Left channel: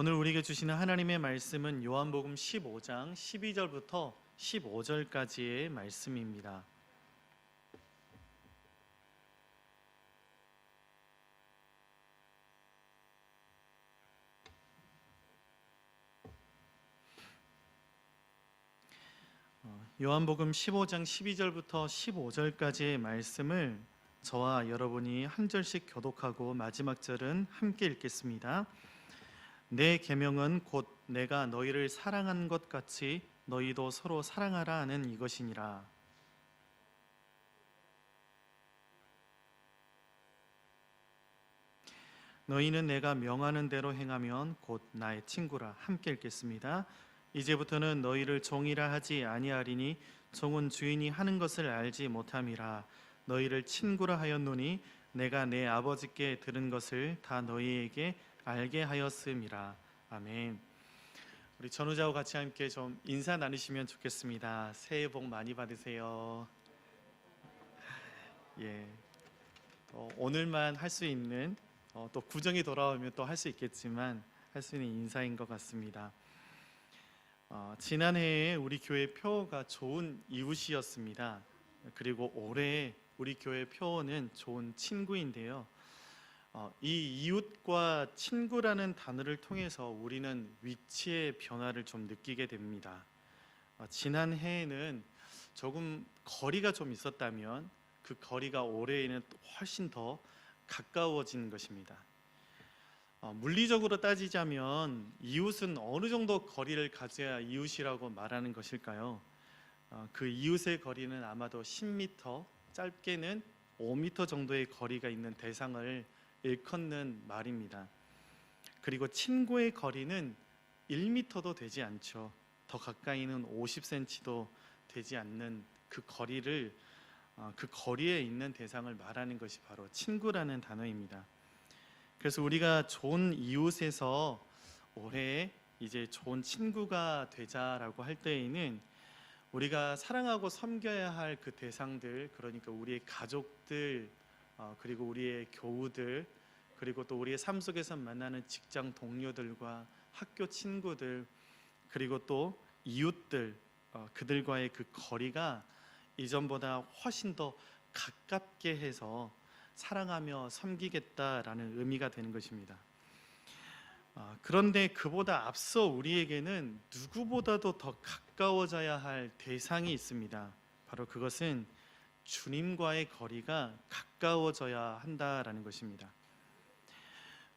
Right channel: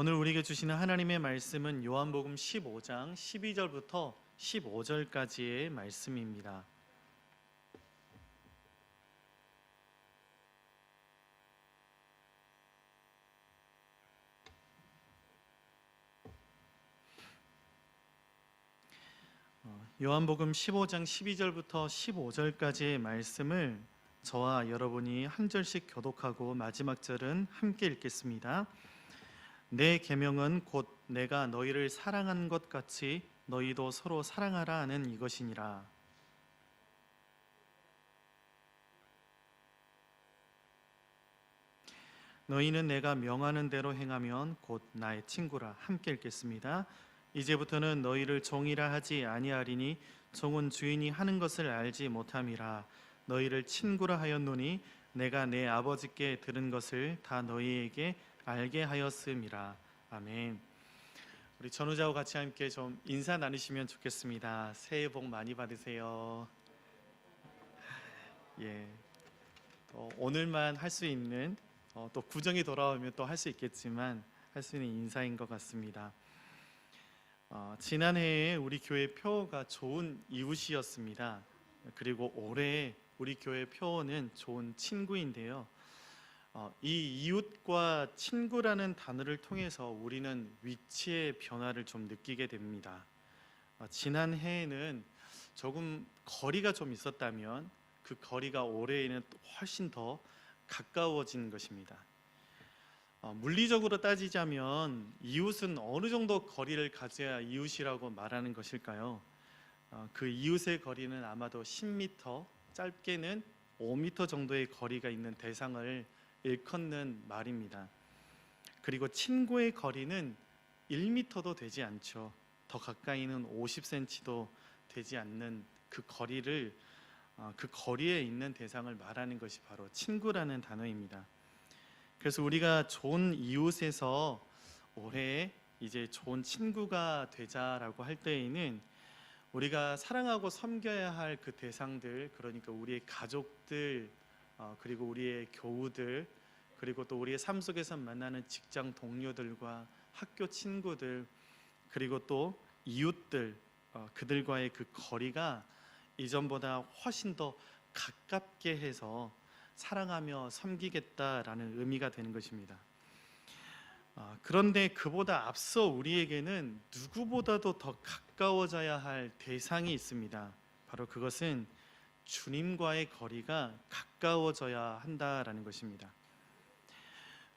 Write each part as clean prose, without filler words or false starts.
오늘 우리에게 주시는 하나님의 말씀은 요한복음 15장 12절부터 15절까지의 말씀입니다. 요한복음 15장 12절부터 15절까지의 말씀을 저와 여러분이 한 절씩 교독하고 마지막 절은 함께 읽겠습니다. 내 계명은 곧 내가 너희를 사랑한 것 같이 너희도 서로 사랑하라 하는 이것이니라. 너희는 내가 명하는 대로 행하면 곧 나의 친구라. 함께 읽겠습니다. 이제부터는 너희를 종이라 하지 아니하리니 종은 주인이 하는 것을 알지 못함이라. 너희를 친구라 하였노니 내가 내 아버지께 들은 것을 다 너희에게 알게 하였음이라. 아멘. 우리 전우자와 같이 함께 좀 인사 나누시면 좋겠습니다. 새해 복 많이 받으세요. 오늘만 할 수 있는 또 구정이 돌아오면 또 할 수 있겠지만 할 수 있는 인사인 것 같습니다. 지난해에 우리 교회 표어가 좋은 이웃이었습니다. 그리고 올해 우리 교회 표어는 좋은 친구인데요. 이 이웃과 친구라는 단어를 통해서 우리는 위치의 변화를 좀 느끼게 됩니다. 지난해에는 조금 거리가 좀 있었다면 그 거리가 올해에는 훨씬 더 가까워진 것입니다. 물리적으로 따지자면 이웃은 어느 정도 거리를 가져야 이웃이라고 말하는 것일까요? 그 이웃의 거리는 아마도 10m, 짧게는 5m 정도의 거리가 있는 대상을 일컫는 말입니다. 그리고 친구의 거리는 1m도 되지 않죠. 더 가까이는 50cm도 되지 않는 그 거리를, 그 거리에 있는 대상을 말하는 것이 바로 친구라는 단어입니다. 그래서 우리가 좋은 이웃에서 올해 이제 좋은 친구가 되자라고 할 때에는 우리가 사랑하고 섬겨야 할 그 대상들, 그러니까 우리의 가족들, 그리고 우리의 교우들, 그리고 또 우리의 삶 속에서 만나는 직장 동료들과 학교 친구들, 그리고 또 이웃들, 그들과의 그 거리가 이전보다 훨씬 더 가깝게 해서 사랑하며 섬기겠다라는 의미가 되는 것입니다. 그런데 그보다 앞서 우리에게는 누구보다도 더 가까워져야 할 대상이 있습니다. 바로 그것은 주님과의 거리가 가까워져야 한다라는 것입니다.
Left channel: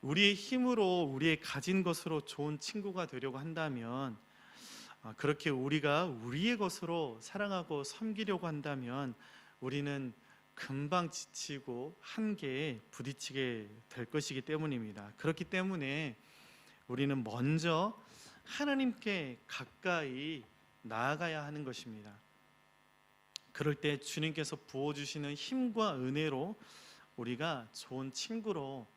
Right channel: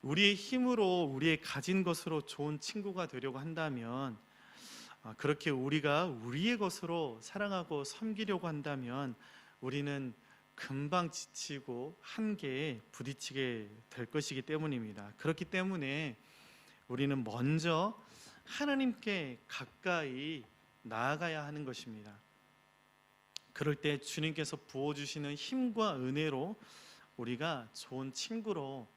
우리의 힘으로, 우리의 가진 것으로 좋은 친구가 되려고 한다면, 그렇게 우리가 우리의 것으로 사랑하고 섬기려고 한다면 우리는 금방 지치고 한계에 부딪히게 될 것이기 때문입니다. 그렇기 때문에 우리는 먼저 하나님께 가까이 나아가야 하는 것입니다. 그럴 때 주님께서 부어주시는 힘과 은혜로 우리가 좋은 친구로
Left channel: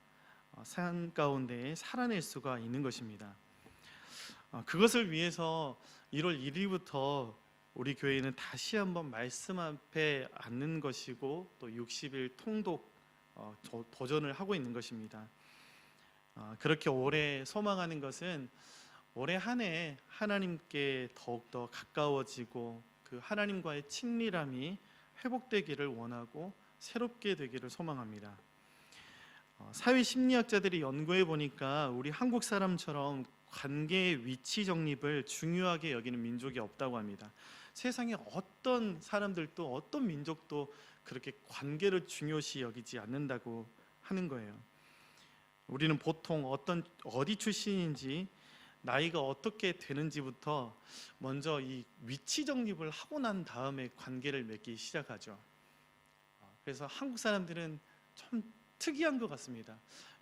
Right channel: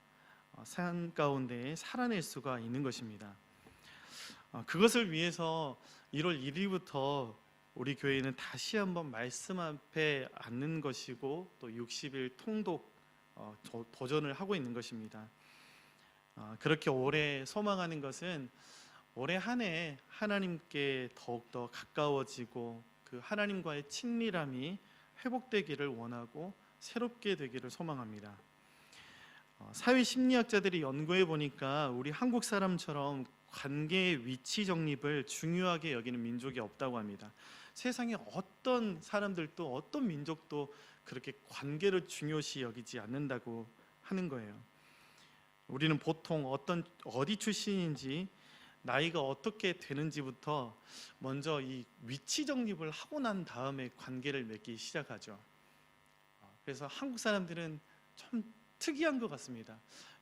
삶 가운데 살아낼 수가 있는 것입니다. 그것을 위해서 1월 1일부터 우리 교회는 다시 한번 말씀 앞에 앉는 것이고 또 60일 통독 도전을 하고 있는 것입니다. 그렇게 올해 소망하는 것은 올해 한 해 하나님께 더욱더 가까워지고 그 하나님과의 친밀함이 회복되기를 원하고 새롭게 되기를 소망합니다. 사회심리학자들이 연구해 보니까 우리 한국 사람처럼 관계의 위치 정립을 중요하게 여기는 민족이 없다고 합니다. 세상에 어떤 사람들도 어떤 민족도 그렇게 관계를 중요시 여기지 않는다고 하는 거예요. 우리는 보통 어디 출신인지 나이가 어떻게 되는지부터 먼저 이 위치 정립을 하고 난 다음에 관계를 맺기 시작하죠. 그래서 한국 사람들은 좀 특이한 것 같습니다.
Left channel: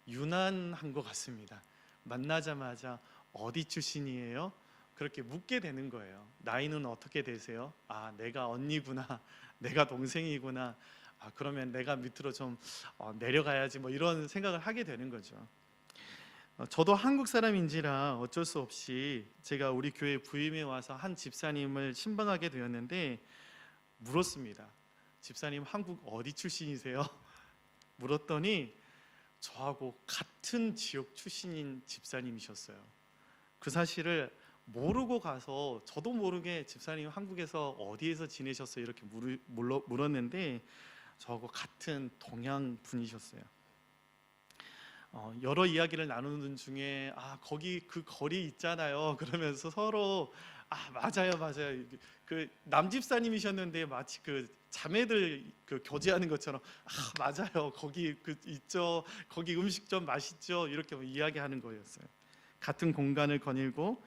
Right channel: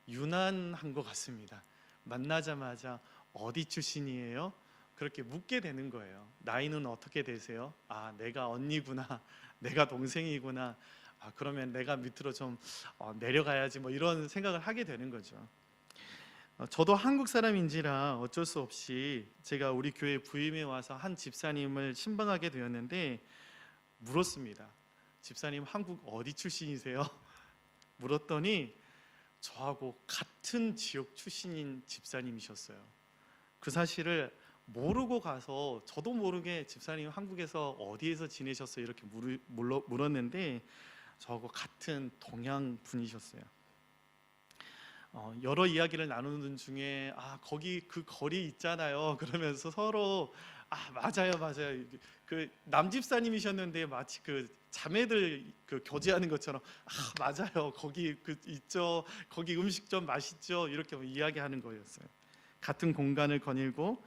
유난한 것 같습니다. 만나자마자 어디 출신이에요? 그렇게 묻게 되는 거예요. 나이는 어떻게 되세요? 내가 언니구나, 내가 동생이구나, 그러면 내가 밑으로 좀 내려가야지, 뭐 이런 생각을 하게 되는 거죠. 저도 한국 사람인지라 어쩔 수 없이 제가 우리 교회 부임에 와서 한 집사님을 신방하게 되었는데 물었습니다. 집사님, 한국 어디 출신이세요? 물었더니 저하고 같은 지역 출신인 집사님이셨어요. 그 사실을 모르고 가서 저도 모르게 집사님 한국에서 어디에서 지내셨어요? 이렇게 물었는데 저하고 같은 동양 분이셨어요. 여러 이야기를 나누는 중에 거기 그 거리 있잖아요. 그러면서 서로 맞아요, 맞아요. 그 남집사님이셨는데 마치 그 자매들 그 교제하는 것처럼 맞아요. 거기 그 있죠. 거기 음식점 맛있죠. 이렇게 이야기하는 거였어요. 같은 공간을 거닐고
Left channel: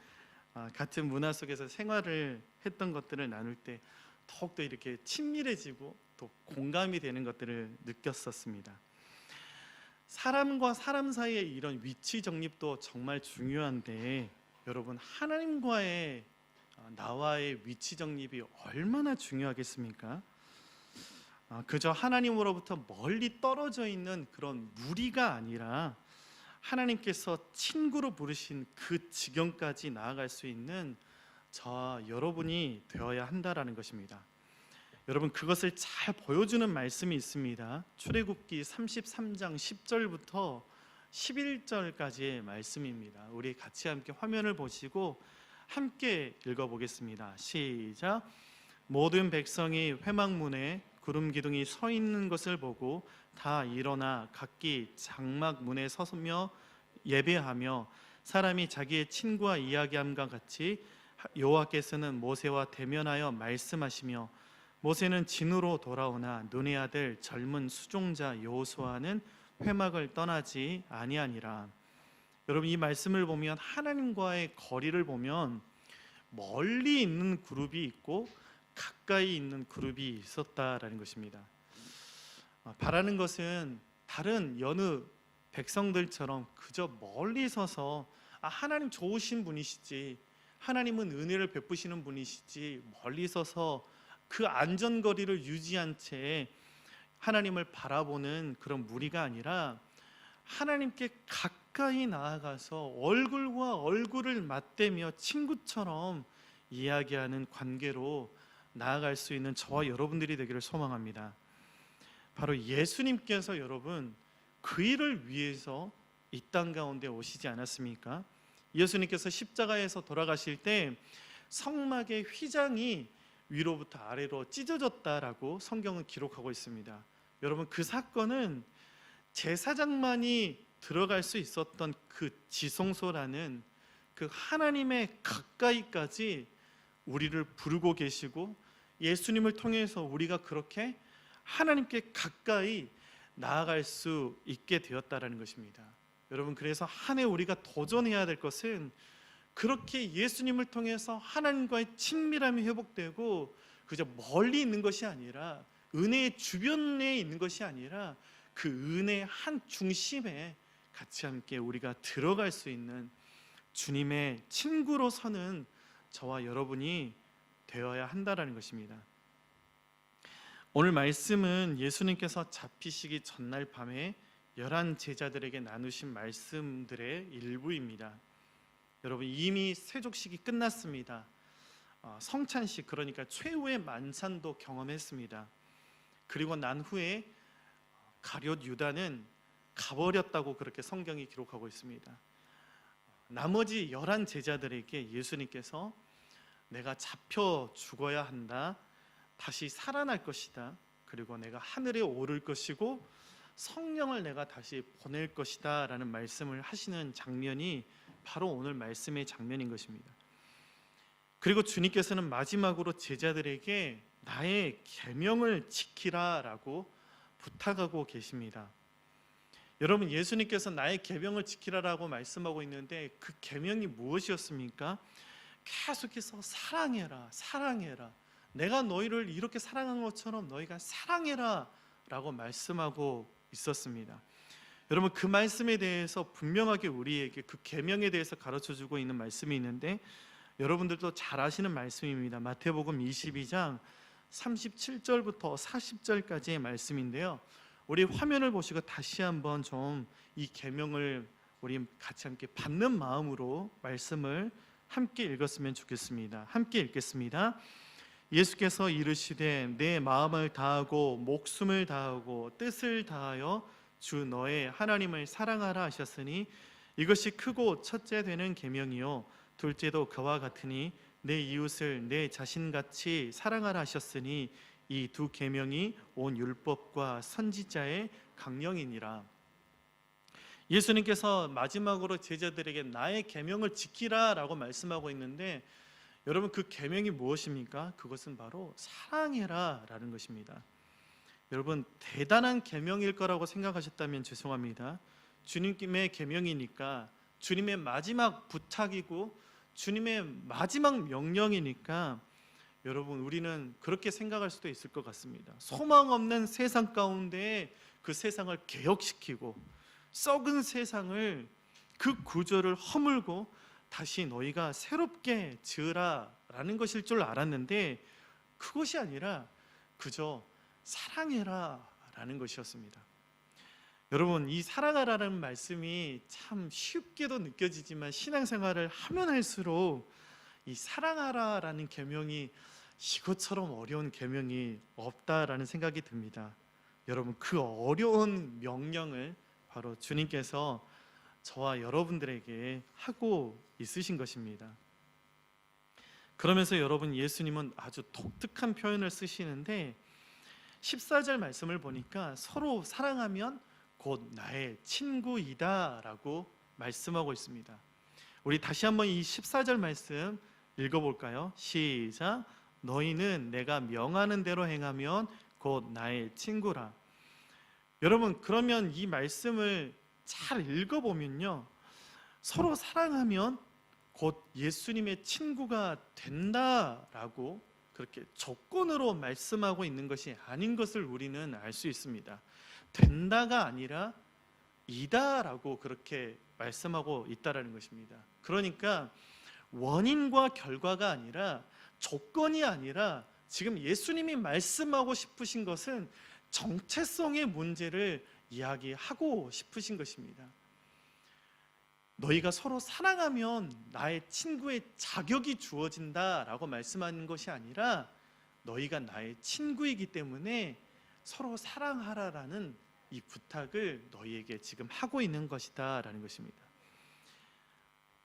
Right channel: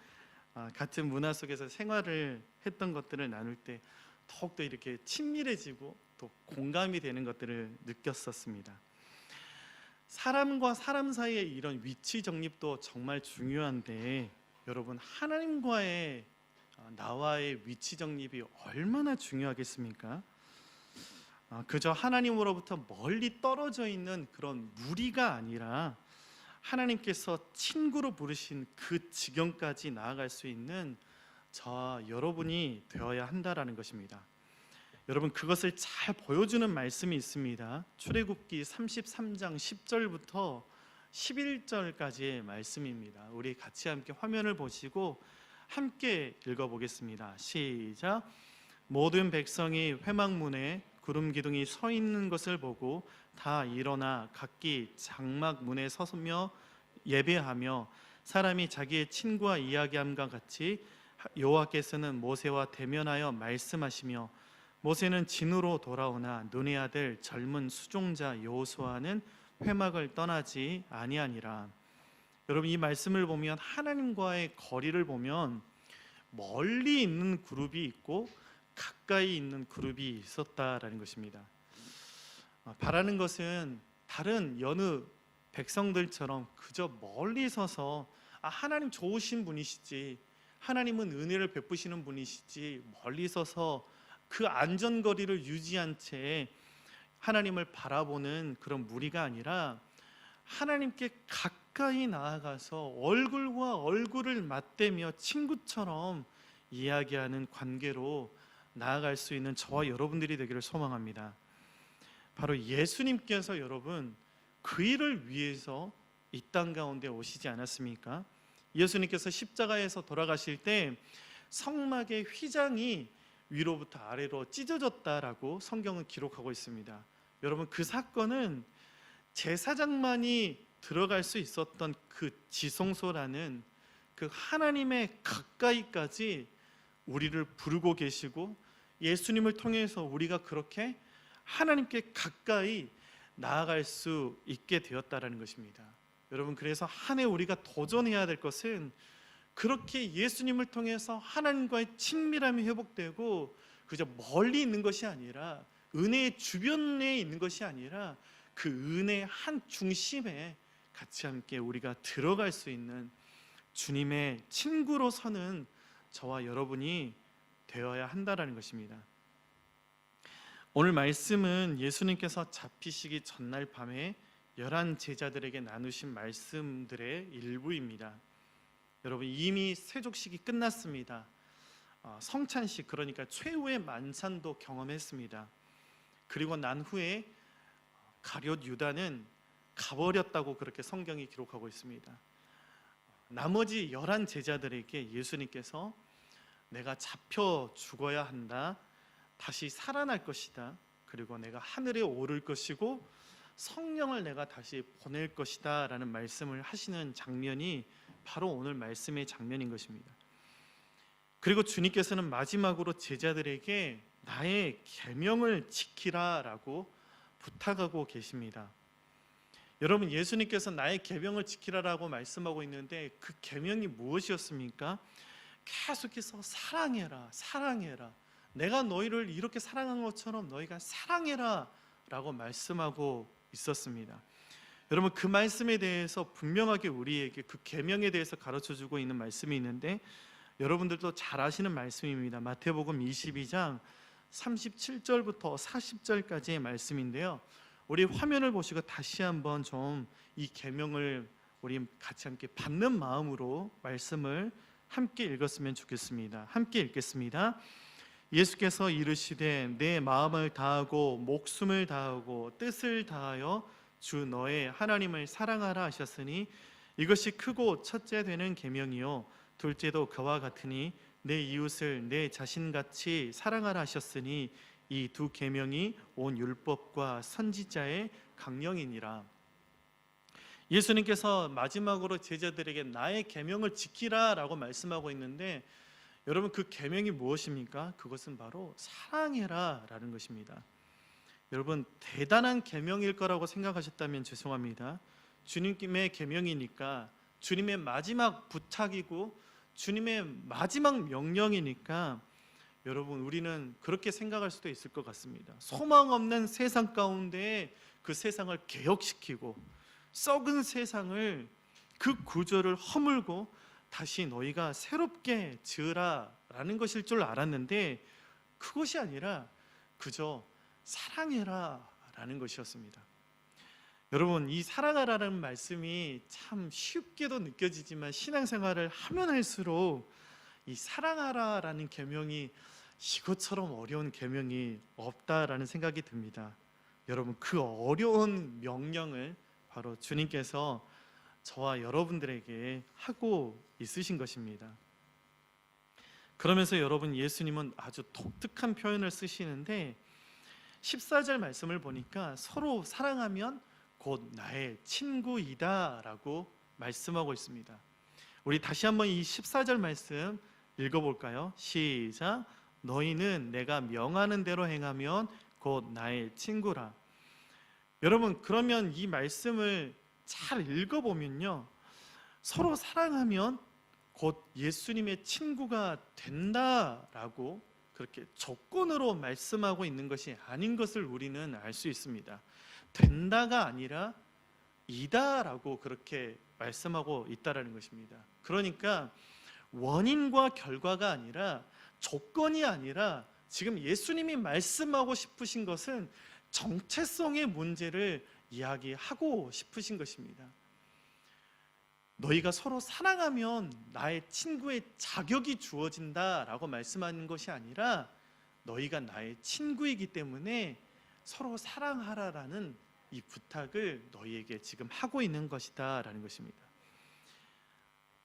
같은 문화 속에서 생활을 했던 것들을 나눌 때 더욱더 이렇게 친밀해지고 또 공감이 되는 것들을 느꼈었습니다. 사람과 사람 사이의 이런 위치 정립도 정말 중요한데 여러분, 하나님과의 나와의 위치 정립이 얼마나 중요하겠습니까? 그저 하나님으로부터 멀리 떨어져 있는 그런 무리가 아니라 하나님께서 친구로 부르신 그 지경까지 나아갈 수 있는 저와 여러분이 되어야 한다라는 것입니다. 여러분, 그것을 잘 보여주는 말씀이 있습니다. 출애굽기 33장 10절부터 11절까지의 말씀입니다. 우리 같이 함께 화면을 보시고 함께 읽어보겠습니다. 시작. 모든 백성이 회막문에 구름 기둥이 서 있는 것을 보고 다 일어나 각기 장막 문에 서며 예배하며 사람이 자기의 친구와 이야기함과 같이 여호와께서는 모세와 대면하여 말씀하시며 모세는 진으로 돌아오나 눈의 아들 젊은 수종자 여호수아는 회막을 떠나지 아니하니라. 여러분, 이 말씀을 보면 하나님과의 거리를 보면 멀리 있는 그룹이 있고 가까이 있는 그룹이 있었다라는 것입니다. 바라는 것은 다른 여느 백성들처럼 그저 멀리 서서 하나님 좋으신 분이시지, 하나님은 은혜를 베푸시는 분이시지, 멀리 서서 그 안전거리를 유지한 채 하나님을 바라보는 그런 무리가 아니라 하나님께 가까이 나아가서 얼굴과 얼굴을 맞대며 친구처럼 이야기하는 관계로 나아갈 수 있는 저와 여러분들이 되기를 소망합니다. 바로 예수님께서 여러분 그 일을 위해서 이 땅 가운데 오시지 않았습니까? 예수님께서 십자가에서 돌아가실 때 성막의 휘장이 위로부터 아래로 찢어졌다라고 성경은 기록하고 있습니다. 여러분, 그 사건은 제사장만이 들어갈 수 있었던 그 지성소라는 그 하나님의 가까이까지 우리를 부르고 계시고 예수님을 통해서 우리가 그렇게 하나님께 가까이 나아갈 수 있게 되었다라는 것입니다. 여러분, 그래서 한 해 우리가 도전해야 될 것은 그렇게 예수님을 통해서 하나님과의 친밀함이 회복되고 그저 멀리 있는 것이 아니라 은혜의 주변에 있는 것이 아니라 그 은혜의 한 중심에 같이 함께 우리가 들어갈 수 있는 주님의 친구로 서는 저와 여러분이 되어야 한다라는 것입니다. 오늘 말씀은 예수님께서 잡히시기 전날 밤에 11 제자들에게 나누신 말씀들의 일부입니다. 여러분, 이미 세족식이 끝났습니다. 성찬식, 그러니까 최후의 만찬도 경험했습니다. 그리고 난 후에 가룟 유다는 가버렸다고 그렇게 성경이 기록하고 있습니다. 나머지 11 제자들에게 예수님께서 내가 잡혀 죽어야 한다, 다시 살아날 것이다, 그리고 내가 하늘에 오를 것이고 성령을 내가 다시 보낼 것이다 라는 말씀을 하시는 장면이 바로 오늘 말씀의 장면인 것입니다. 그리고 주님께서는 마지막으로 제자들에게 나의 계명을 지키라 라고 부탁하고 계십니다. 여러분, 예수님께서 나의 계명을 지키라라고 말씀하고 있는데 그 계명이 무엇이었습니까? 계속해서 사랑해라, 사랑해라, 내가 너희를 이렇게 사랑한 것처럼 너희가 사랑해라 라고 말씀하고 있었습니다. 여러분, 그 말씀에 대해서 분명하게 우리에게 그 계명에 대해서 가르쳐주고 있는 말씀이 있는데 여러분들도 잘 아시는 말씀입니다. 마태복음 22장 37절부터 40절까지의 말씀인데요, 우리 화면을 보시고 다시 한번 좀 이 계명을 우리 같이 함께 받는 마음으로 말씀을 함께 읽었으면 좋겠습니다. 함께 읽겠습니다. 예수께서 이르시되 내 마음을 다하고 목숨을 다하고 뜻을 다하여 주 너의 하나님을 사랑하라 하셨으니 이것이 크고 첫째 되는 계명이요 둘째도 그와 같으니 내 이웃을 내 자신같이 사랑하라 하셨으니 이 두 계명이 온 율법과 선지자의 강령이니라. 예수님께서 마지막으로 제자들에게 나의 계명을 지키라라고 말씀하고 있는데, 여러분 그 계명이 무엇입니까? 그것은 바로 사랑해라라는 것입니다. 여러분 대단한 계명일 거라고 생각하셨다면 죄송합니다. 주님의 계명이니까, 주님의 마지막 부탁이고 주님의 마지막 명령이니까 여러분 우리는 그렇게 생각할 수도 있을 것 같습니다. 소망 없는 세상 가운데 그 세상을 개혁시키고 썩은 세상을, 그 구조를 허물고 다시 너희가 새롭게 지으라 라는 것일 줄 알았는데, 그것이 아니라 그저 사랑해라 라는 것이었습니다. 여러분 이 사랑하라는 말씀이 참 쉽게도 느껴지지만 신앙생활을 하면 할수록 이 사랑하라 라는 계명이 이것처럼 어려운 계명이 없다라는 생각이 듭니다. 여러분 그 어려운 명령을 바로 주님께서 저와 여러분들에게 하고 있으신 것입니다. 그러면서 여러분 예수님은 아주 독특한 표현을 쓰시는데, 14절 말씀을 보니까 서로 사랑하면 곧 나의 친구이다 라고 말씀하고 있습니다. 우리 다시 한번 이 14절 말씀 읽어볼까요? 시작. 너희는 내가 명하는 대로 행하면 곧 나의 친구라. 여러분 그러면 이 말씀을 잘 읽어보면요, 서로 사랑하면 곧 예수님의 친구가 된다라고 그렇게 조건으로 말씀하고 있는 것이 아닌 것을 우리는 알 수 있습니다. 된다가 아니라 이다라고 그렇게 말씀하고 있다라는 것입니다. 그러니까 원인과 결과가 아니라, 조건이 아니라, 지금 예수님이 말씀하고 싶으신 것은 정체성의 문제를 이야기하고 싶으신 것입니다. 너희가 서로 사랑하면 나의 친구의 자격이 주어진다라고 말씀하는 것이 아니라, 너희가 나의 친구이기 때문에 서로 사랑하라라는 이 부탁을 너희에게 지금 하고 있는 것이다 라는 것입니다.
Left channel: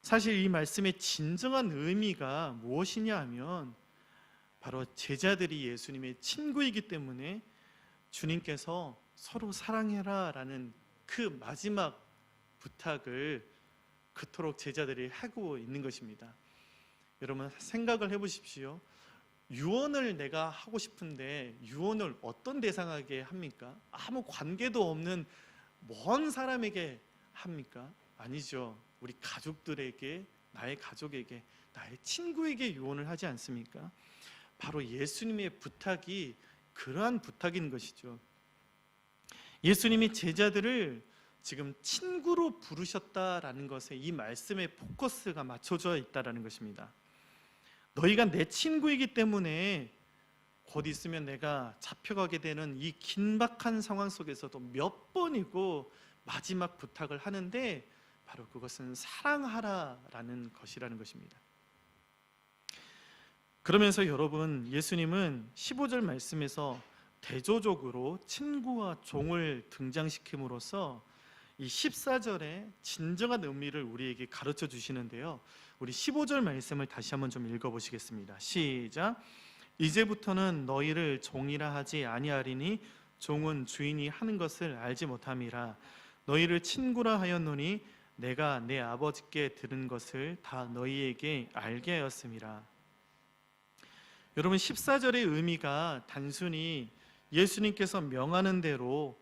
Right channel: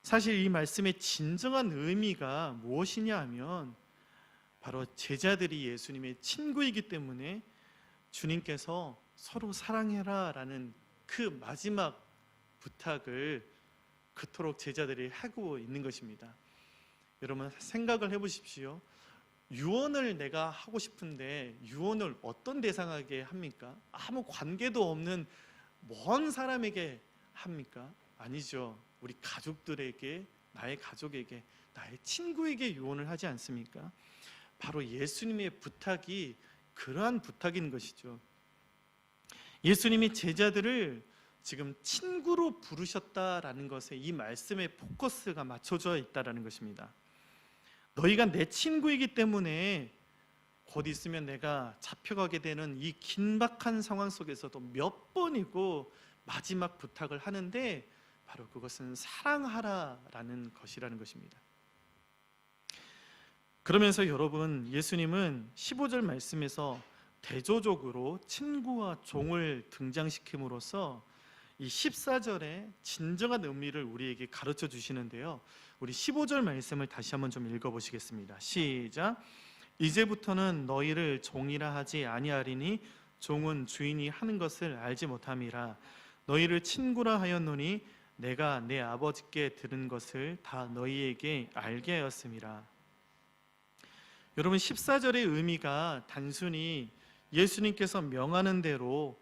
사실 이 말씀의 진정한 의미가 무엇이냐 하면, 바로 제자들이 예수님의 친구이기 때문에 주님께서 서로 사랑해라 라는 그 마지막 부탁을 그토록 제자들이 하고 있는 것입니다. 여러분 생각을 해보십시오. 유언을 내가 하고 싶은데 유언을 어떤 대상에게 합니까? 아무 관계도 없는 먼 사람에게 합니까? 아니죠. 우리 가족들에게, 나의 가족에게, 나의 친구에게 유언을 하지 않습니까? 바로 예수님의 부탁이 그러한 부탁인 것이죠. 예수님이 제자들을 지금 친구로 부르셨다라는 것에 이 말씀의 포커스가 맞춰져 있다라는 것입니다. 너희가 내 친구이기 때문에 곧 있으면 내가 잡혀가게 되는 이 긴박한 상황 속에서도 몇 번이고 마지막 부탁을 하는데, 바로 그것은 사랑하라라는 것이라는 것입니다. 그러면서 여러분 예수님은 15절 말씀에서 대조적으로 친구와 종을 등장시킴으로써 이 14절의 진정한 의미를 우리에게 가르쳐 주시는데요, 우리 15절 말씀을 다시 한번 좀 읽어보시겠습니다. 시작. 이제부터는 너희를 종이라 하지 아니하리니 종은 주인이 하는 것을 알지 못함이라. 너희를 친구라 하였노니 내가 내 아버지께 들은 것을 다 너희에게 알게 하였음이라. 여러분 14절의 의미가 단순히 예수님께서 명하는 대로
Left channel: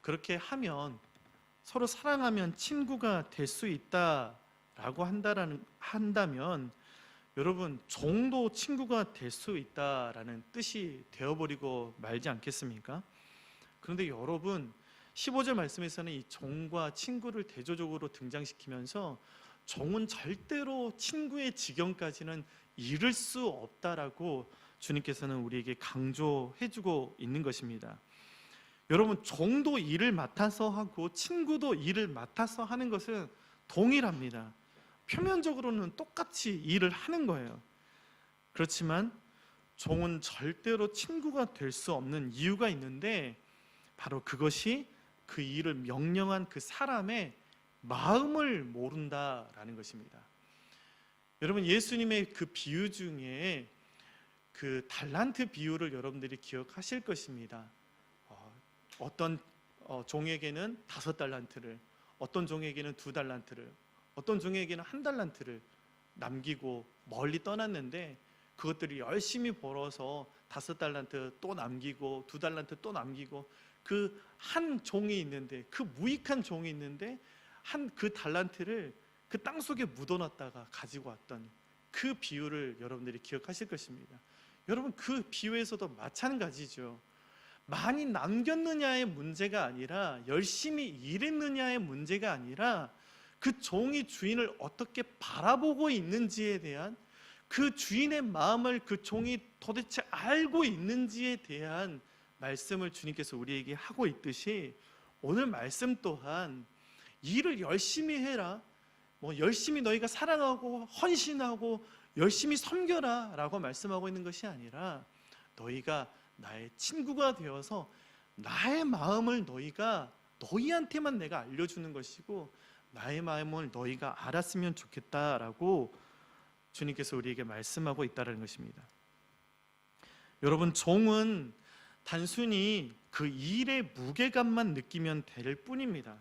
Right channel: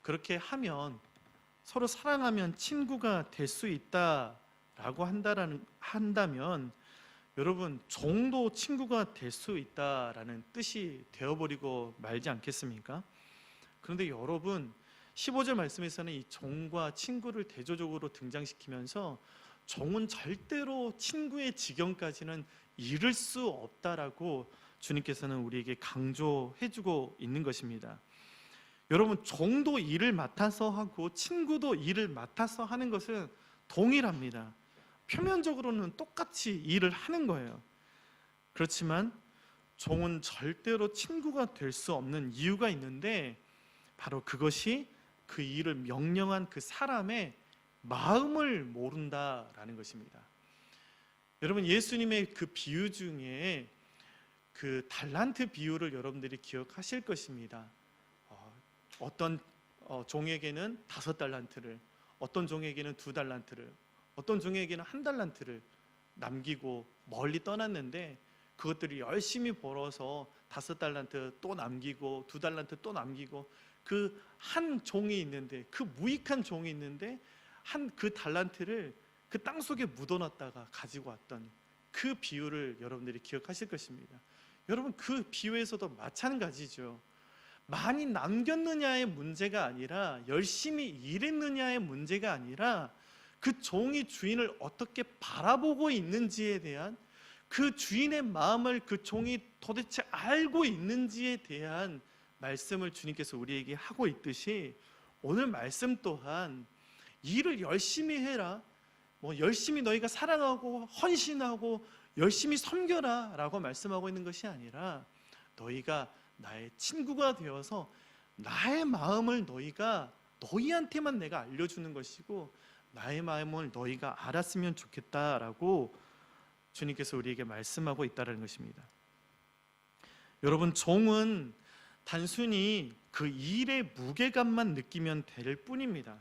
그렇게 하면, 서로 사랑하면 친구가 될 수 있다라고 한다면 여러분 종도 친구가 될 수 있다라는 뜻이 되어버리고 말지 않겠습니까? 그런데 여러분 15절 말씀에서는 이 종과 친구를 대조적으로 등장시키면서 종은 절대로 친구의 지경까지는 이를 수 없다라고 주님께서는 우리에게 강조해주고 있는 것입니다. 여러분 종도 일을 맡아서 하고 친구도 일을 맡아서 하는 것은 동일합니다. 표면적으로는 똑같이 일을 하는 거예요. 그렇지만 종은 절대로 친구가 될 수 없는 이유가 있는데, 바로 그것이 그 일을 명령한 그 사람의 마음을 모른다라는 것입니다. 여러분, 예수님의 그 비유 중에 그 달란트 비유를 여러분들이 기억하실 것입니다. 어떤 종에게는 5달란트를, 어떤 종에게는 2달란트를, 어떤 종에게는 1달란트를 남기고 멀리 떠났는데, 그것들이 열심히 벌어서 5달란트 또 남기고 2달란트 또 남기고, 그 한 종이 있는데, 그 무익한 종이 있는데 그 달란트를 그 땅속에 묻어놨다가 가지고 왔던 그 비유를 여러분들이 기억하실 것입니다. 여러분, 그 비유에서도 마찬가지죠. 많이 남겼느냐의 문제가 아니라, 열심히 일했느냐의 문제가 아니라, 그 종이 주인을 어떻게 바라보고 있는지에 대한, 그 주인의 마음을 그 종이 도대체 알고 있는지에 대한 말씀을 주님께서 우리에게 하고 있듯이, 오늘 말씀 또한 일을 열심히 해라, 열심히 너희가 사랑하고 헌신하고 열심히 섬겨라 라고 말씀하고 있는 것이 아니라, 너희가 나의 친구가 되어서 나의 마음을 너희한테만 내가 알려주는 것이고, 나의 마음을 너희가 알았으면 좋겠다라고 주님께서 우리에게 말씀하고 있다는 것입니다. 여러분, 종은 단순히 그 일의 무게감만 느끼면 될 뿐입니다.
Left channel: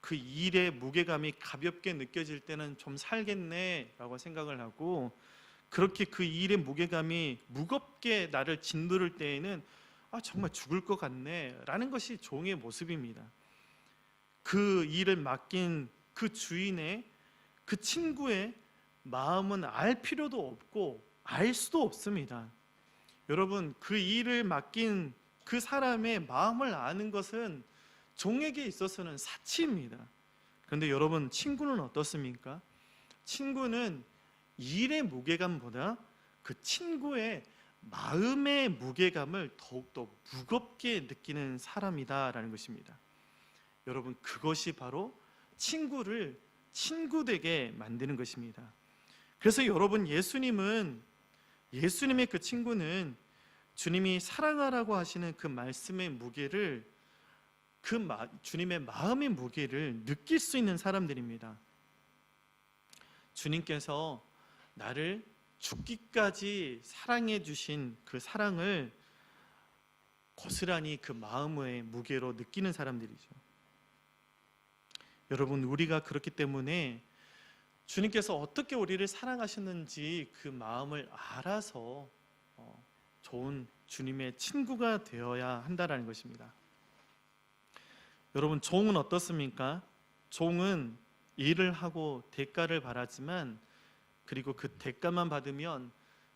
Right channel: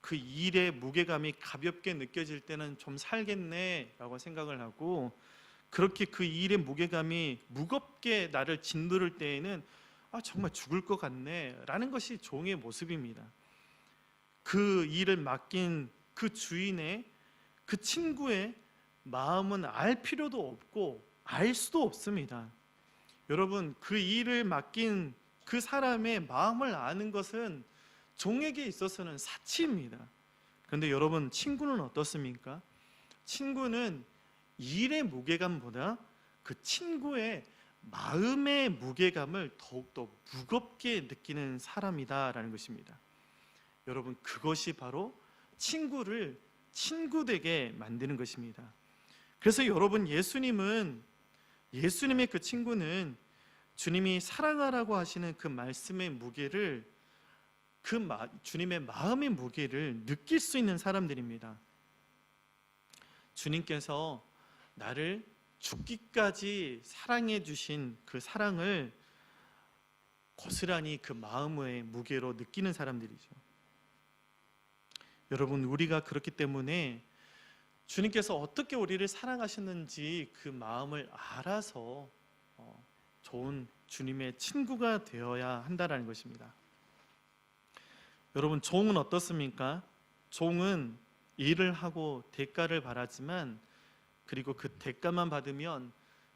그 일의 무게감이 가볍게 느껴질 때는 좀 살겠네 라고 생각을 하고, 그렇게 그 일의 무게감이 무겁게 나를 짓누를 때에는 정말 죽을 것 같네 라는 것이 종의 모습입니다. 그 일을 맡긴 그 주인의, 그 친구의 마음은 알 필요도 없고 알 수도 없습니다. 여러분, 그 일을 맡긴 그 사람의 마음을 아는 것은 종에게 있어서는 사치입니다. 그런데 여러분, 친구는 어떻습니까? 친구는 일의 무게감보다 그 친구의 마음의 무게감을 더욱더 무겁게 느끼는 사람이다라는 것입니다. 여러분, 그것이 바로 친구를 친구되게 만드는 것입니다. 그래서 여러분, 예수님의 그 친구는 주님이 사랑하라고 하시는 그 말씀의 무게를, 주님의 마음의 무게를 느낄 수 있는 사람들입니다. 주님께서 나를 죽기까지 사랑해 주신 그 사랑을 고스란히 그 마음의 무게로 느끼는 사람들이죠. 여러분, 우리가 그렇기 때문에 주님께서 어떻게 우리를 사랑하시는지 그 마음을 알아서 좋은 주님의 친구가 되어야 한다는 것입니다. 여러분, 종은 어떻습니까? 종은 일을 하고 대가를 바라지만, 그리고 그 대가만 받으면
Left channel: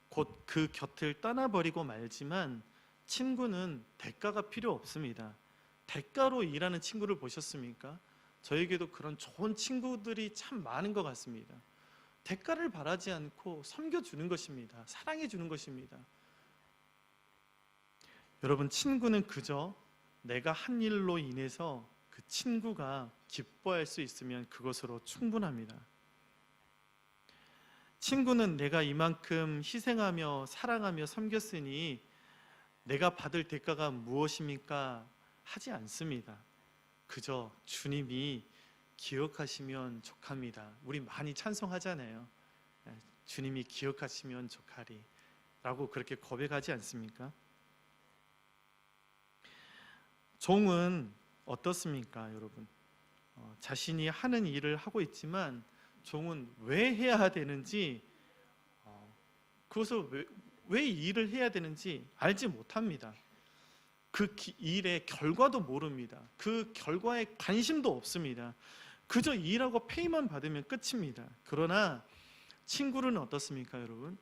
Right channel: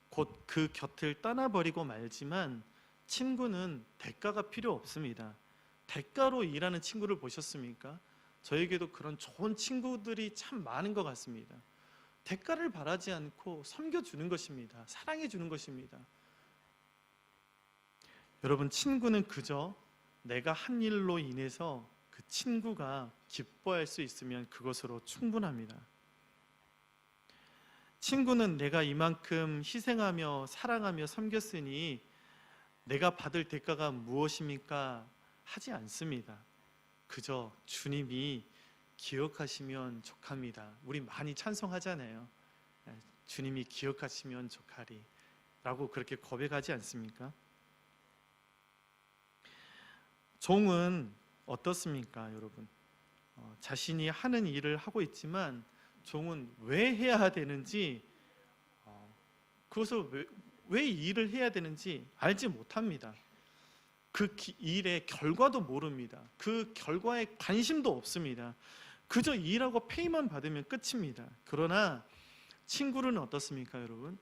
곧 그 곁을 떠나버리고 말지만, 친구는 대가가 필요 없습니다. 대가로 일하는 친구를 보셨습니까? 저에게도 그런 좋은 친구들이 참 많은 것 같습니다. 대가를 바라지 않고 섬겨주는 것입니다. 사랑해주는 것입니다. 여러분, 친구는 그저 내가 한 일로 인해서 그 친구가 기뻐할 수 있으면 그것으로 충분합니다. 친구는 내가 이만큼 희생하며 사랑하며 섬겼으니 내가 받을 대가가 무엇입니까? 하지 않습니다. 그저 주님이 기억하시면 족합니다. 우리 많이 찬송하잖아요. 주님이 기억하시면 족하리 라고 그렇게 고백하지 않습니까? 종은 어떻습니까, 여러분? 자신이 하는 일을 하고 있지만 종은 왜 해야 되는지, 그것을 왜 일을 해야 되는지 알지 못합니다. 그 일의 결과도 모릅니다. 그 결과에 관심도 없습니다. 그저 일하고 페이만 받으면 끝입니다. 그러나 친구는 어떻습니까, 여러분?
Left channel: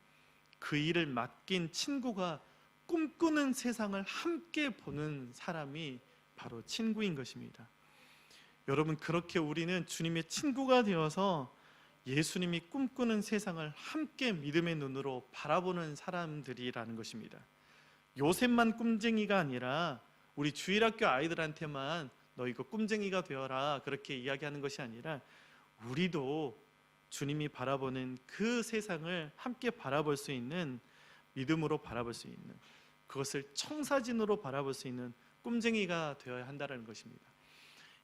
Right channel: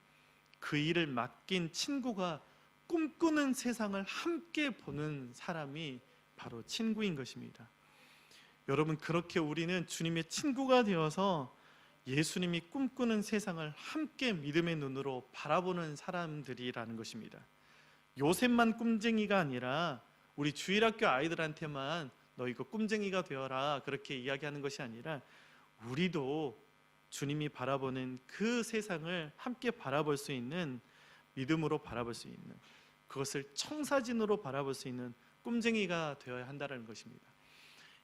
그 일을 맡긴 친구가 꿈꾸는 세상을 함께 보는 사람이 바로 친구인 것입니다. 여러분, 그렇게 우리는 주님의 친구가 되어서 예수님이 꿈꾸는 세상을 함께 믿음의 눈으로 바라보는 사람들이라는 것입니다. 요셉만 꿈쟁이가 아니라 우리 주일학교 아이들한테만 너 이거 꿈쟁이가 되어라 그렇게 이야기하는 것이 아니라, 우리도 주님이 바라보는 그 세상을 함께 바라볼 수 있는, 믿음으로 바라볼 수 있는, 그것을 청사진으로 바라볼 수 있는 꿈쟁이가 되어야 한다는 것입니다.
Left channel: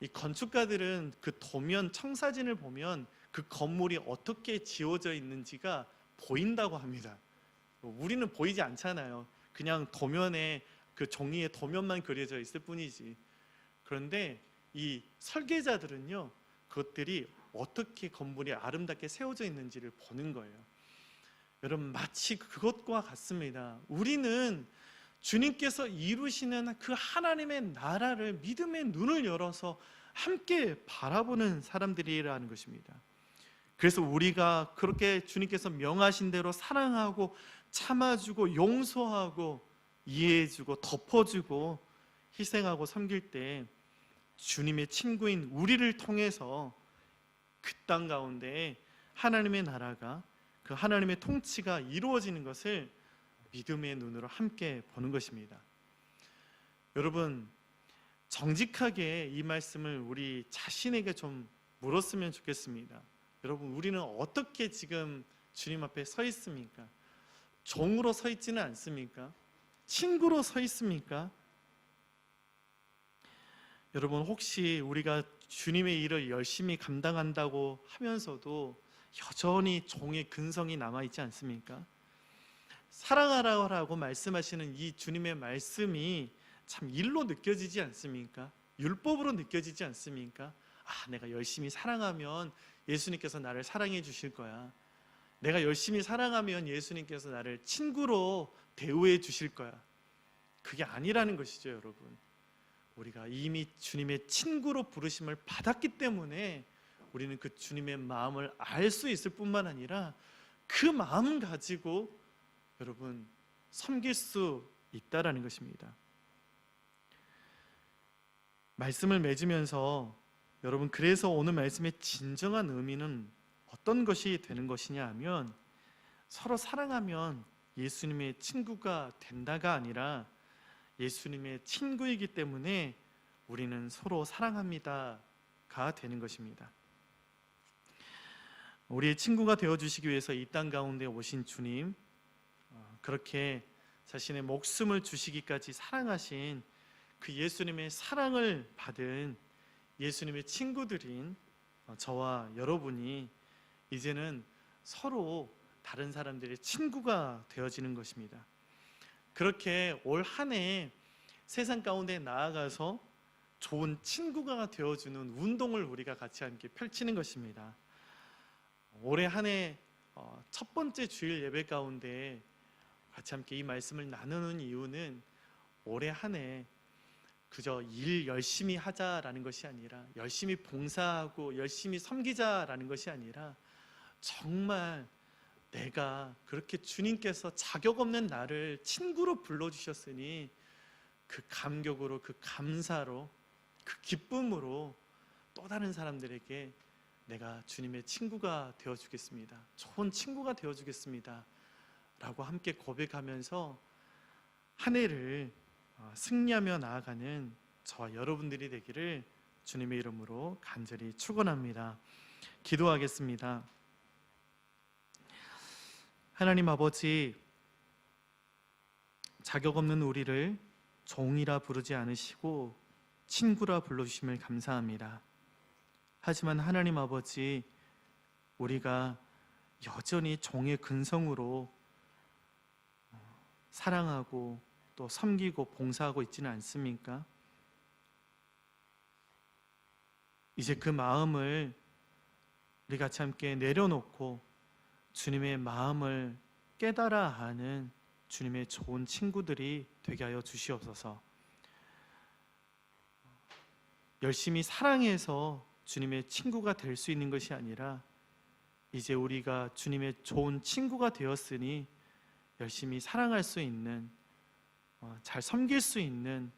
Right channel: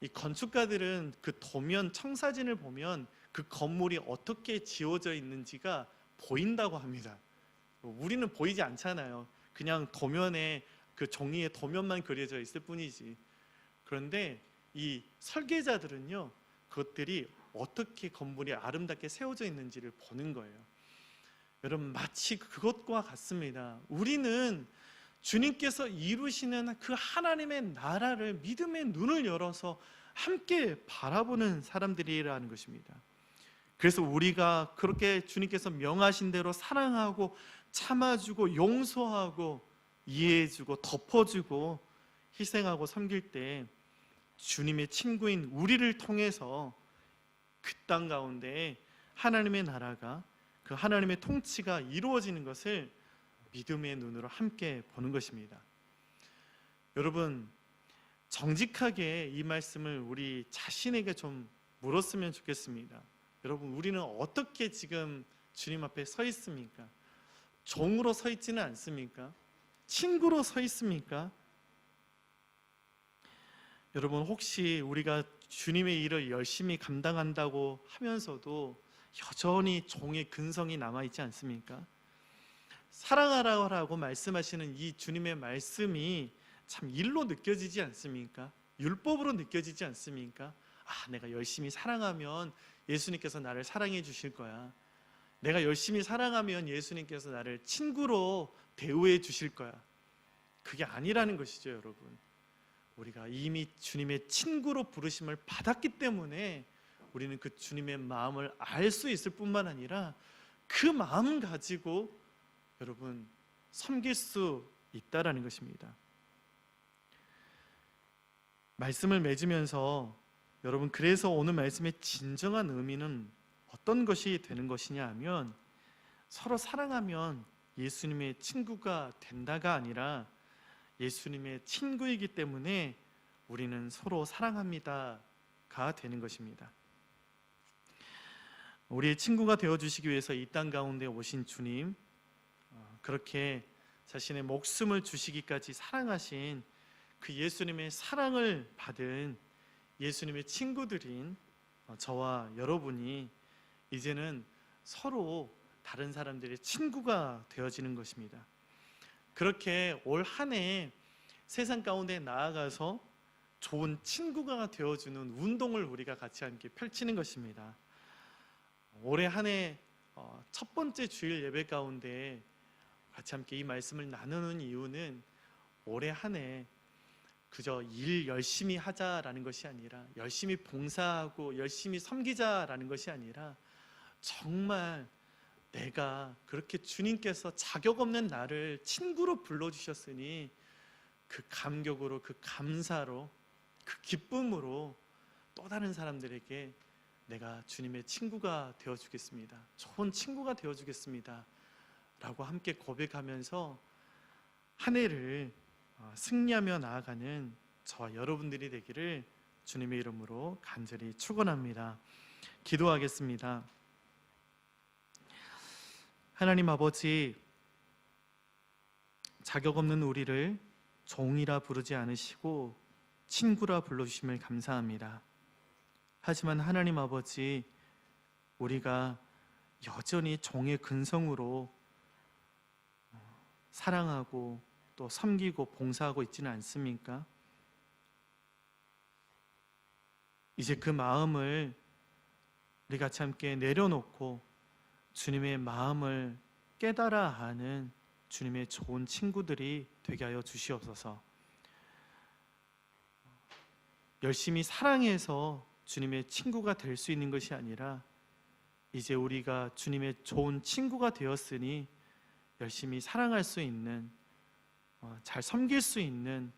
이 건축가들은 그 도면 청사진을 보면 그 건물이 어떻게 지어져 있는지가 보인다고 합니다. 우리는 보이지 않잖아요. 그냥 도면에 그 종이에 도면만 그려져 있을 뿐이지. 그런데 이 설계자들은요, 그것들이 어떻게 건물이 아름답게 세워져 있는지를 보는 거예요. 여러분, 마치 그것과 같습니다. 우리는 주님께서 이루시는 그 하나님의 나라를 믿음의 눈을 열어서 함께 바라보는 사람들이라는 것입니다. 그래서 우리가 그렇게 주님께서 명하신 대로 사랑하고 참아주고 용서하고 이해해주고 덮어주고 희생하고 섬길 때 주님의 친구인 우리를 통해서 그 땅 가운데 하나님의 나라가, 그 하나님의 통치가 이루어지는 것을 믿음의 눈으로 함께 보는 것입니다. 여러분, 정직하게 이 말씀을 우리 자신에게 좀 물었으면 좋겠습니다. 여러분, 우리는 어떻게 지금 주님 앞에 서 있습니까? 종으로 서 있지는 않습니까? 친구로 서 있습니까? 여러분, 혹시 우리가 주님의 일을 열심히 감당한다고 하면서도 여전히 종의 근성이 남아있지 않습니까? 사랑하라고 말씀하시는 이 주님의 말씀이 참 일로 느껴지지 않습니까? 율법으로 느껴지지 않습니까? 아, 내가 열심히 사랑하면 예수님께서 나를 사랑해 주실 거야. 내가 열심히 사랑하면 예수님께서 나를 친구로 대우해 주실 거야. 그게 아니라는 것이죠, 여러분. 우리가 이미 주님의 친구로 부르심을 받았기 때문에 우리는 그 주님의 마음을 알 수 있을 뿐만 아니라 그 마음 가지고 여러분 섬길 수 있다라는 것입니다. 말씀을 맺으면서 여러분, 그래서 오늘 말씀의 진정한 의미는 어떤 것이 되는 것이냐 하면, 서로 사랑하면 예수님의 친구가 된다가 아니라 예수님의 친구이기 때문에 우리는 서로 사랑합니다가 되는 것입니다. 우리의 친구가 되어주시기 위해서 이 땅 가운데 오신 주님, 그렇게 자신의 목숨을 주시기까지 사랑하신 그 예수님의 사랑을 받은 예수님의 친구들인 저와 여러분이 이제는 서로 다른 사람들의 친구가 되어지는 것입니다. 그렇게 올 한 해 세상 가운데 나아가서 좋은 친구가 되어주는 운동을 우리가 같이 함께 펼치는 것입니다. 올해 한 해 첫 번째 주일 예배 가운데 같이 함께 이 말씀을 나누는 이유는 올해 한 해 그저 일 열심히 하자라는 것이 아니라, 열심히 봉사하고 열심히 섬기자라는 것이 아니라, 정말 내가 그렇게 주님께서 자격 없는 나를 친구로 불러주셨으니 그 감격으로, 그 감사로, 그 기쁨으로 또 다른 사람들에게 내가 주님의 친구가 되어주겠습니다, 좋은 친구가 되어주겠습니다 라고 함께 고백하면서 한 해를 승리하며 나아가는 저와 여러분들이 되기를 주님의 이름으로 간절히 축원합니다. 기도하겠습니다. 하나님 아버지, 자격 없는 우리를 종이라 부르지 않으시고 친구라 불러주심을 감사합니다. 하지만 하나님 아버지, 우리가 여전히 종의 근성으로 사랑하고 또 섬기고 봉사하고 있지는 않습니까? 이제 그 마음을 우리 같이 함께 내려놓고 주님의 마음을 깨달아 하는 주님의 좋은 친구들이 되게 하여 주시옵소서. 열심히 사랑해서 주님의 친구가 될 수 있는 것이 아니라, 이제 우리가 주님의 좋은 친구가 되었으니 열심히 사랑할 수 있는, 잘 섬길 수 있는,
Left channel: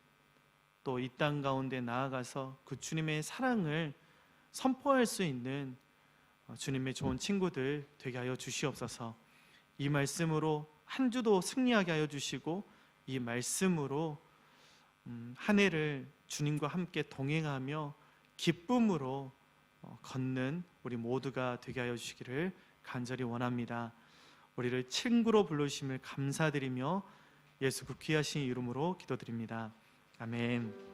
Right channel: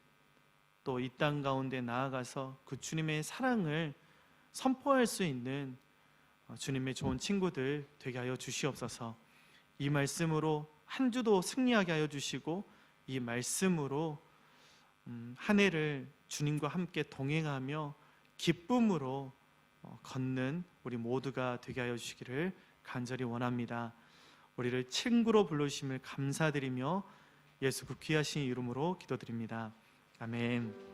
또 이 땅 가운데 나아가서 그 주님의 사랑을 선포할 수 있는 주님의 좋은 친구들 되게 하여 주시옵소서. 이 말씀으로 한 주도 승리하게 하여 주시고, 이 말씀으로 한 해를 주님과 함께 동행하며 기쁨으로 걷는 우리 모두가 되게 하여 주시기를 간절히 원합니다. 우리를 친구로 부르심을 감사드리며 예수 그 귀하신 이름으로 기도드립니다. 아멘.